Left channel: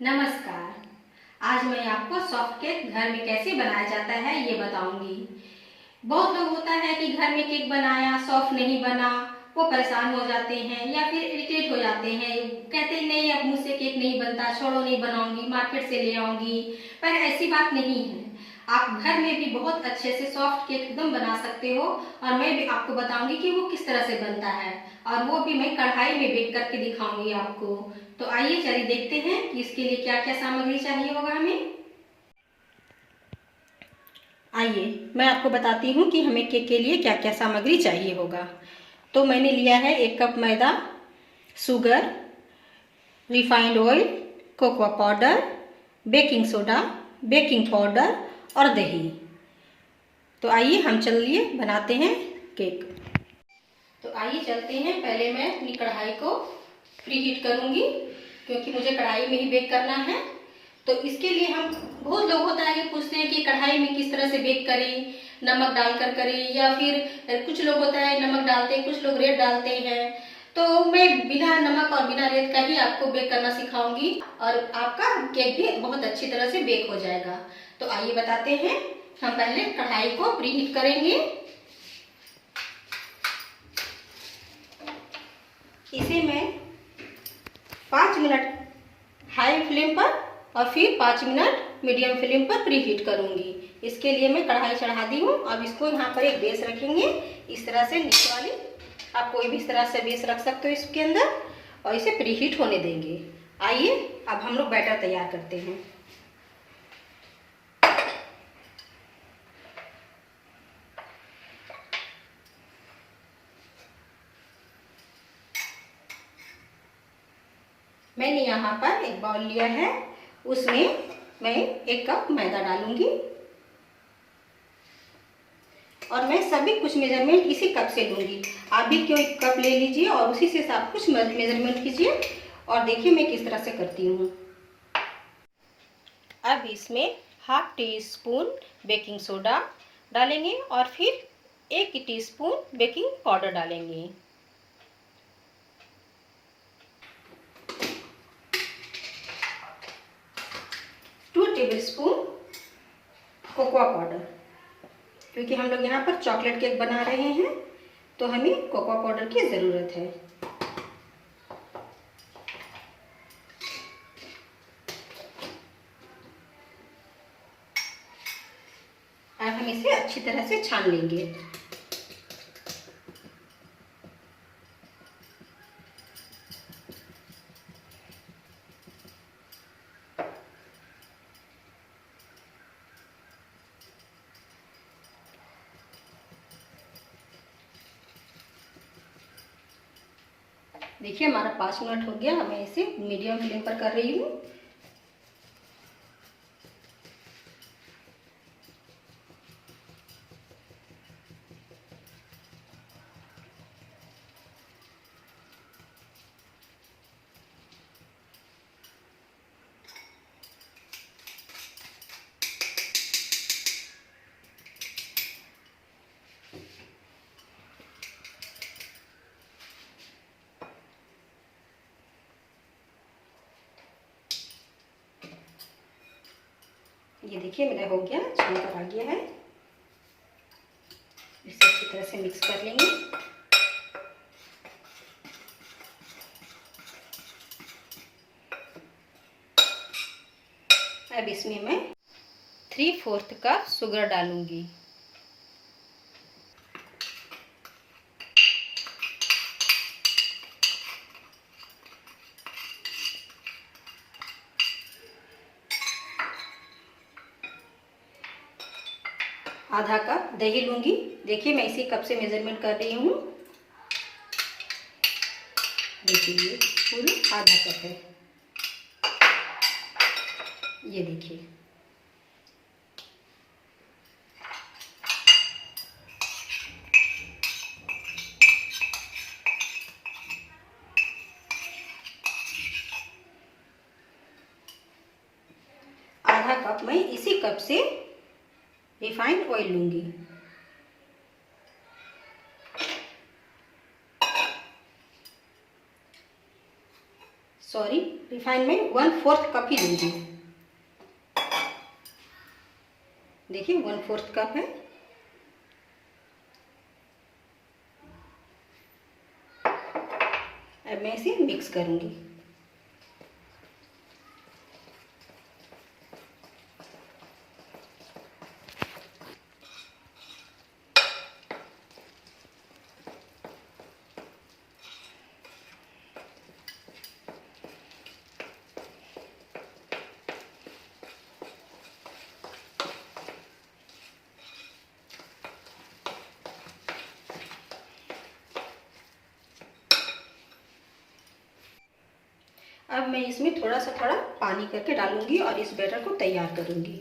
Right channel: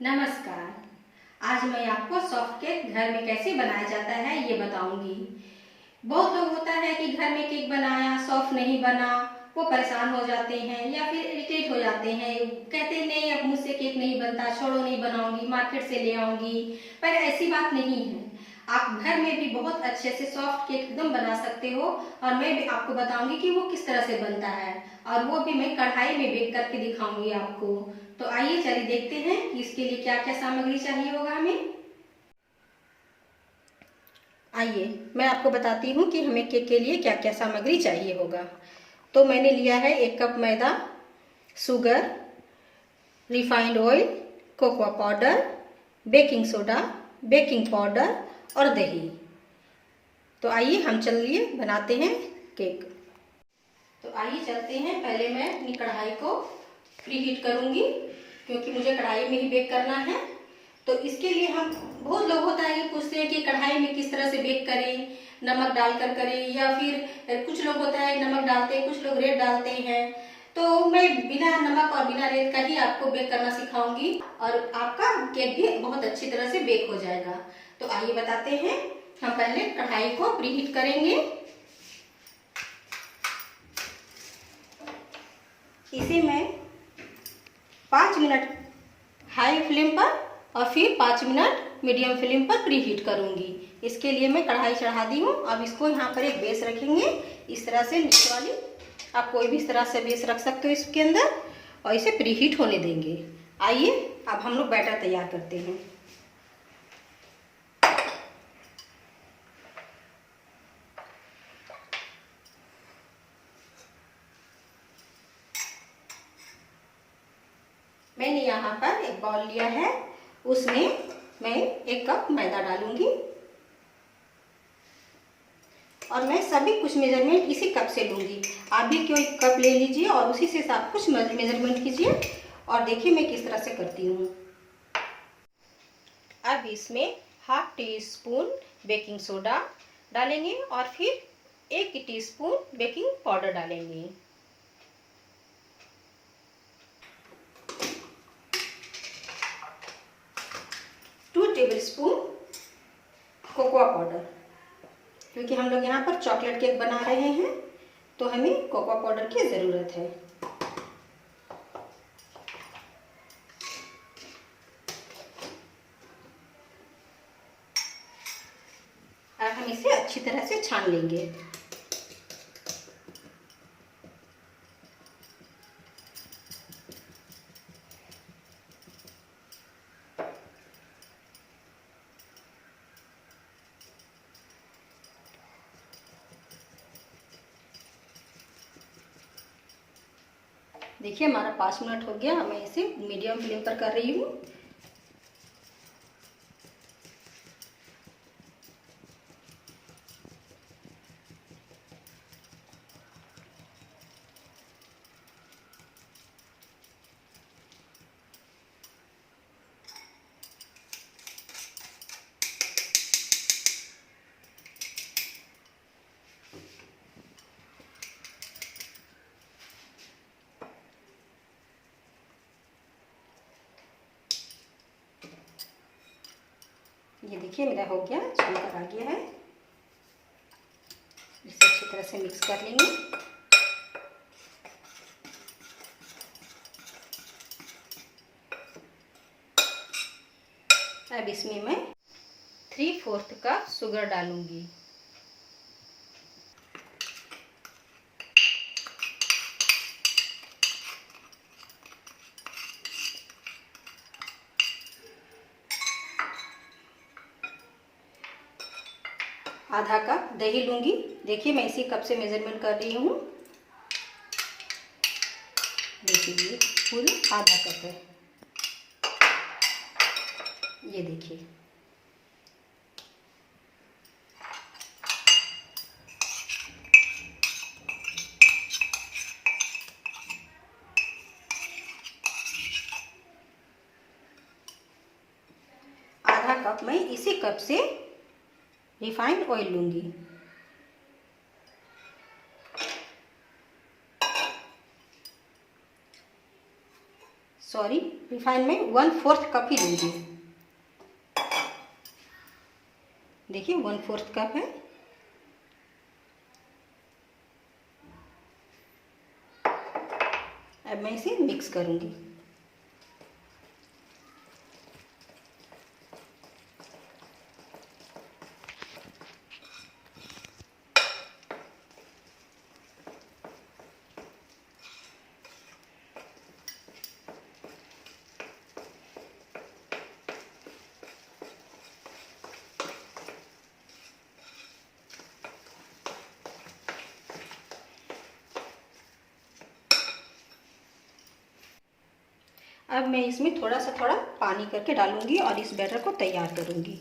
नमस्कार। आज मैं आपको सॉफ्ट केक घर में कैसे बनाया जाता है ये बताऊंगी। बहुत लोग होता है कि घर में केक बनाया सॉफ्ट नहीं बना, वो परेशान हो जाते हैं या फिर इरिटेट हो जाते हैं, कहते हैं नहीं अब मुझसे केक नहीं बनता, छोड़ो नहीं बनाऊंगी, मार्केट से ले आऊंगी। पर ऐसी बात नहीं है, आप घर में भी बहुत अच्छे से सॉफ्ट केक एकदम बना सकते हो। और मैं भी आपको बताऊंगी कि वो किस तरह से बनता है, और वो भी मैं कढ़ाई में बेक करके दिखाऊंगी आपको। तो आइए चलिए देखते हैं कि इसके लिए क्या क्या सामग्री चाहिए होगा हमें। आइए मैं आपको बताती हूँ कि हमें केक के लिए क्या क्या सामग्री चाहिए होगा। तो मैंने लिया है 1 कप मैदा, sugar, refined oil, cocoa powder, baking soda, baking powder और दही। तो आइए हम चलिए बनाते हैं केक। तो आइए चलते हैं, पहले मैं अपनी कढ़ाई को प्री हीट करूँगी क्योंकि मुझे कढ़ाई में ही बेक करना है। तो इसके लिए हम बहुत लोग होता है कि पूछते हैं कि कढ़ाई में किस तरह से बेक करें, नमक डालकर करें या फिर कुछ लोग होता है नमक डालते हैं, कुछ लोग रेत डालते हैं। तो मैं बिना नमक और बिना रेत का ही आपको बेक करना सिखाऊंगी और आपका केक भी बहुत अच्छी तरह से बेक हो जाएगा। तो आइए बताते हैं, हम पहले कढ़ाई को प्री हीट करेंगे। इसे मैं 5 मिनट हाई फ्लेम पर और फिर 5 मिनट मीडियम फ्लेम पर प्री हीट करूंगी। इसके लिए मैं कढ़ाई चढ़ा दी हूँ। अब इसको यहाँ पर एक बेस रखेंगे, इस तरह से नीचे वाली, आप कोई भी इस तरह से बेस रख सकते हो इसके अंदर, और इसे प्री हीट होने देंगे। आइए अब हम लोग बैटर तैयार करते हैं। मैंने यहाँ पर एक बाउल लिया है, उसमें मैं 1 कप मैदा डालूंगी और मैं सभी कुछ मेजरमेंट इसी कप से लूँगी। आप भी कोई कप ले लीजिए और उसी से सब कुछ मेजरमेंट कीजिए। और देखिए मैं किस तरह से करती हूँ। अब इसमें ½ टीस्पून बेकिंग सोडा डालेंगे और फिर 1 टीस्पून बेकिंग पाउडर डालेंगे। टू टेबलस्पून कोकोआ पाउडर, क्योंकि हम लोग यहाँ पर चॉकलेट केक बना रहे हैं तो हमें कोकोआ पाउडर की ज़रूरत है। अब हम इसे अच्छी तरह से छान लेंगे। देखिए हमारा 5 मिनट हो गया, मैं इसे मीडियम फ्लेम पर कर रही हूँ। ये देखिए मेरा हो गया, छान कर आ गया है। इसे अच्छी तरह से मिक्स कर लेंगे। अब इसमें मैं 3/4 कप शुगर डालूंगी। ½ कप दही लूंगी। देखिए मैं इसी कप से मेजरमेंट कर रही हूँ। देखिए ये पूरी ½ कप है, ये देखिए। ½ कप मैं इसी कप से रिफाइंड ऑयल लूंगी। सॉरी, रिफाइन में 1/4 कप ही लूँगी। देखिए 1/4 कप है। अब मैं इसे मिक्स करूँगी। अब मैं इसमें थोड़ा पानी करके डालूंगी और इस बैटर को तैयार करूंगी।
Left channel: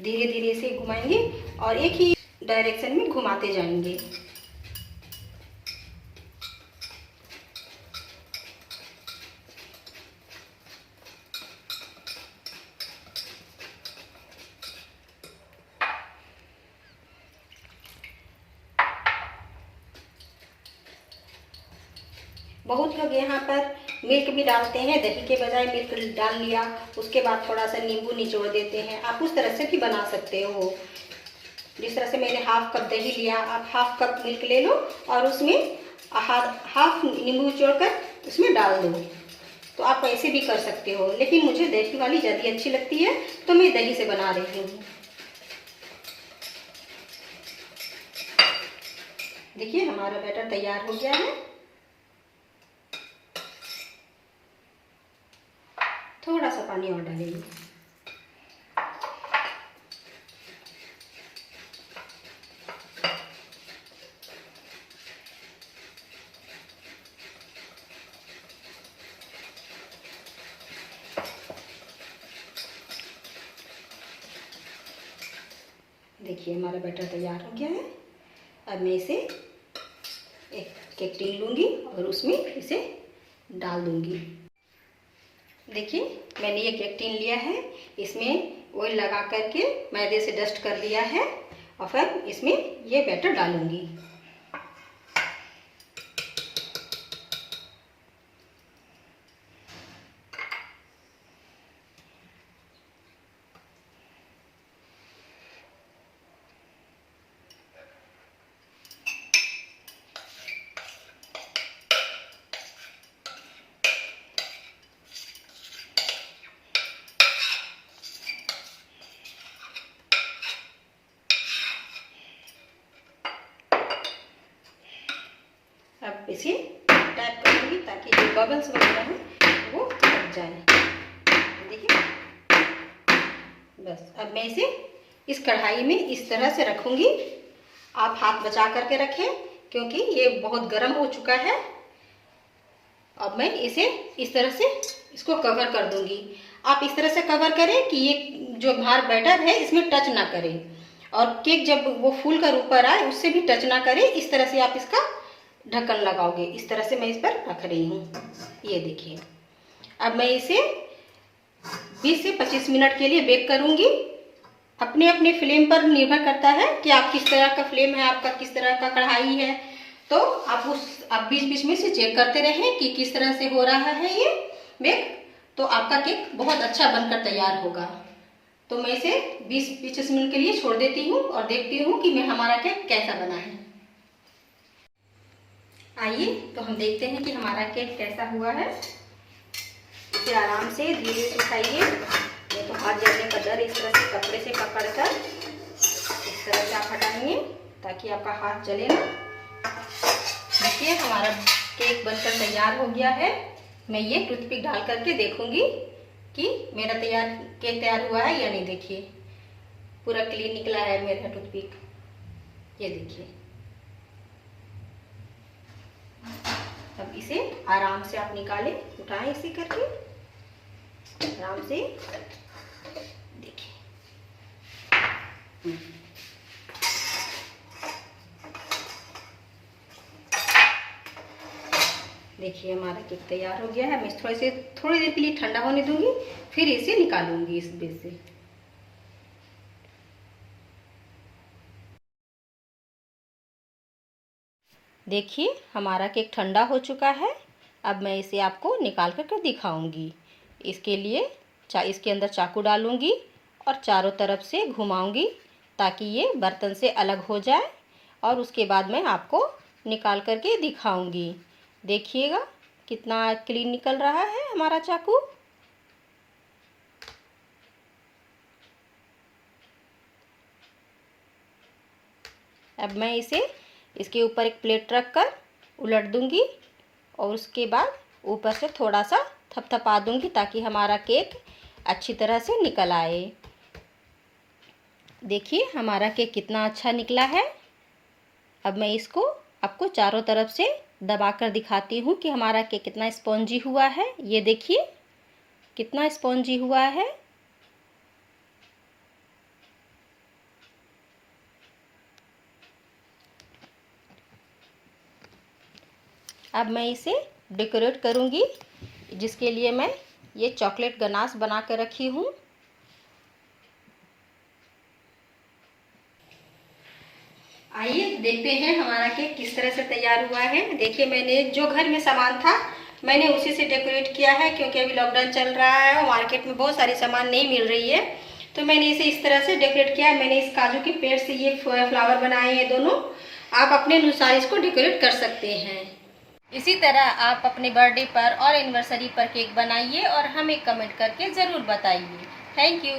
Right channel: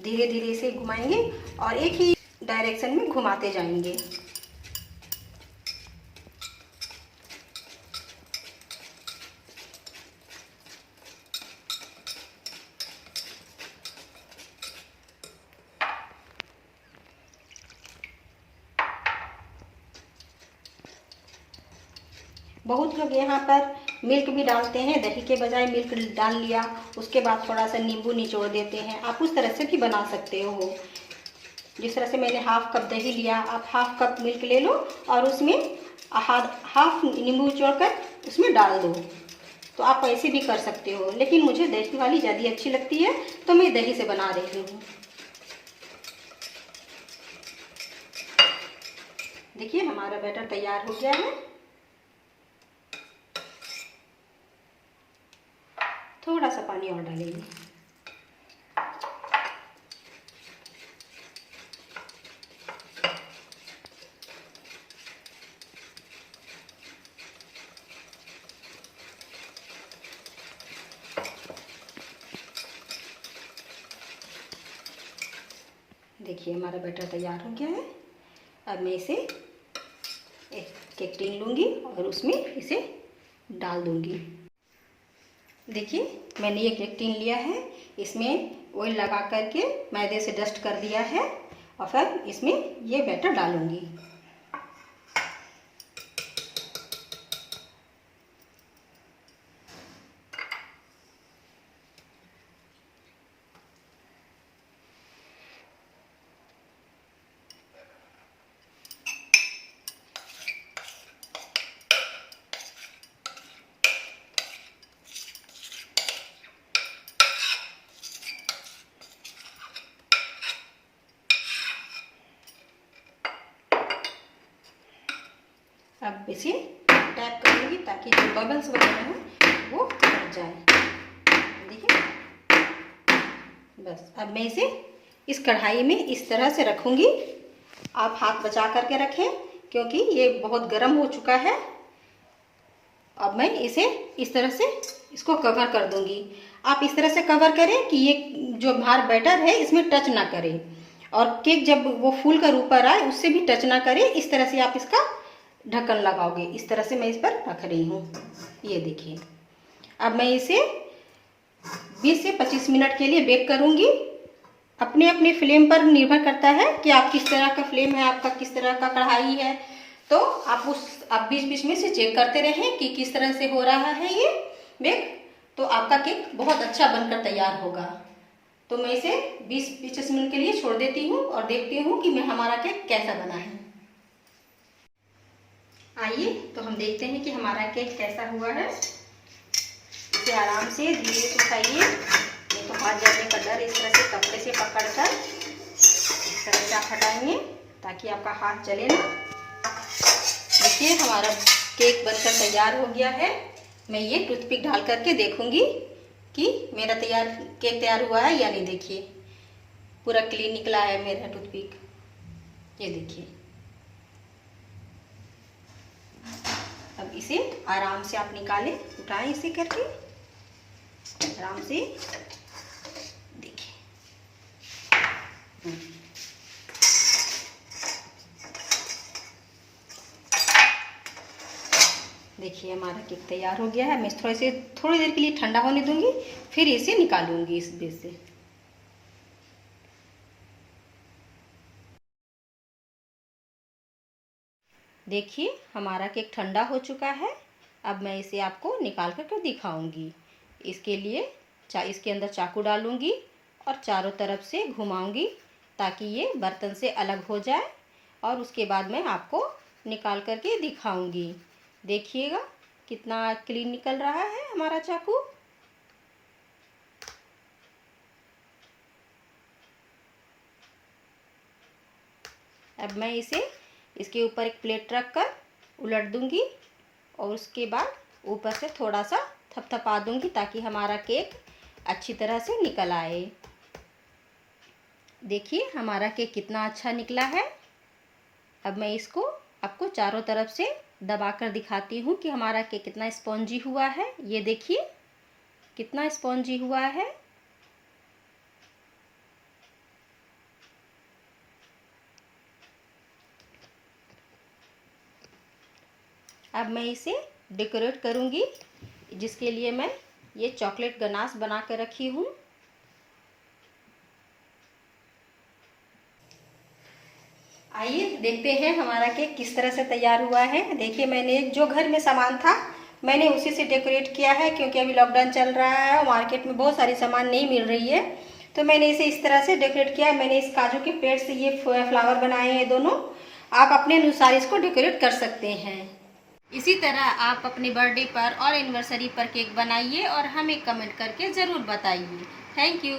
धीरे धीरे इसे घुमाएंगे और एक ही डायरेक्शन में घुमाते जाएंगे। बहुत लोग यहाँ पर मिल्क भी डालते हैं, दही के बजाय मिल्क डाल लिया, उसके बाद थोड़ा सा नींबू निचोड़ देते हैं। आप उस तरह से भी बना सकते हो। जिस तरह से मैंने हाफ कप दही लिया, आप हाफ कप मिल्क ले लो और उसमें हाफ नींबू निचोड़कर उसमें डाल दो। तो आप ऐसे भी कर सकते हो, लेकिन मुझे दही वाली ज़्यादा अच्छी लगती है तो मैं दही से बना रही हूँ। देखिए हमारा बैटर तैयार हो गया है। थोड़ा सा पानी और डालेंगे। देखिए हमारा बैटर तैयार हो गया है। अब मैं इसे एक केक टिन लूँगी और उसमें इसे डाल दूँगी। देखिए मैंने ये केक टिन लिया है, इसमें ऑयल लगा करके मैदे से डस्ट कर दिया है और फिर इसमें ये बैटर डालूँगी। अब इसे टैप करूँगी ताकि जो बबल्स वगैरह हैं वो हट जाए। देखिए बस अब मैं इसे इस कढ़ाई में इस तरह से रखूँगी। आप हाथ बचा करके रखें क्योंकि ये बहुत गर्म हो चुका है। अब मैं इसे इस तरह से इसको कवर कर दूँगी। आप इस तरह से कवर करें कि ये जो बाहर बैटर है इसमें टच ना करे और केक जब वो फूल कर ऊपर आए उससे भी टच ना करे। इस तरह से आप इसका ढक्कन लगाओगे। इस तरह से मैं इस पर रख रही हूँ। ये देखिए अब मैं इसे 20 से 25 मिनट के लिए बेक करूँगी। अपने अपने फ्लेम पर निर्भर करता है कि आप किस तरह का फ्लेम है, आपका किस तरह का कढ़ाई है। तो आप बीच बीच में से चेक करते रहें कि किस तरह से हो रहा है ये बेक। तो आपका केक बहुत अच्छा बनकर तैयार होगा। तो मैं इसे 20-25 मिनट के लिए छोड़ देती हूँ और देखती हूँ कि मैं हमारा केक कैसा बना है। आइए तो हम देखते हैं कि हमारा केक कैसा हुआ है। इसे आराम से धीरे से उठाइए, नहीं तो हाथ जलने का डर। इस तरह से कपड़े से पकड़कर इस तरह से आप हटाएंगे ताकि आपका हाथ जले ना। देखिए हमारा केक बनकर तैयार हो गया है। मैं ये टूथपिक डाल करके देखूंगी कि मेरा केक तैयार हुआ है या नहीं। देखिए पूरा क्लीन निकला है मेरा टूथपिक। ये देखिए अब इसे आराम से आप निकालें, उठाएं इसे करके आराम से। देखिए देखिए हमारा केक तैयार हो गया है। मैं थोड़ी देर के लिए ठंडा होने दूंगी, फिर इसे निकालूंगी इस बेस से। देखिए हमारा केक ठंडा हो चुका है। अब मैं इसे आपको निकाल कर दिखाऊंगी। इसके लिए इसके अंदर चाकू डालूंगी और चारों तरफ से घुमाऊंगी ताकि ये बर्तन से अलग हो जाए, और उसके बाद मैं आपको निकाल करके दिखाऊंगी। देखिएगा कितना क्लीन निकल रहा है हमारा चाकू। अब मैं इसे इसके ऊपर एक प्लेट रख कर उलट दूंगी और उसके बाद ऊपर से थोड़ा सा थपथपा दूंगी ताकि हमारा केक अच्छी तरह से निकल आए। देखिए हमारा केक कितना अच्छा निकला है। अब मैं इसको आपको चारों तरफ से दबा कर दिखाती हूँ कि हमारा केक कितना स्पॉन्जी हुआ है। ये देखिए कितना स्पॉन्जी हुआ है। अब मैं इसे डेकोरेट करूँगी, जिसके लिए मैं ये चॉकलेट गनाश बना कर रखी हूँ। आइए देखते हैं हमारा केक किस तरह से तैयार हुआ है। देखिए मैंने जो घर में सामान था मैंने उसी से डेकोरेट किया है, क्योंकि अभी लॉकडाउन चल रहा है और मार्केट में बहुत सारी सामान नहीं मिल रही है, तो मैंने इसे इस तरह से डेकोरेट किया है। मैंने इस काजू के पेड़ से ये फ्लावर बनाए हैं दोनों। आप अपने अनुसार इसको डेकोरेट कर सकते हैं। इसी तरह आप अपने बर्थडे पर और एनिवर्सरी पर केक बनाइए और हमें कमेंट करके ज़रूर बताइए। Thank you.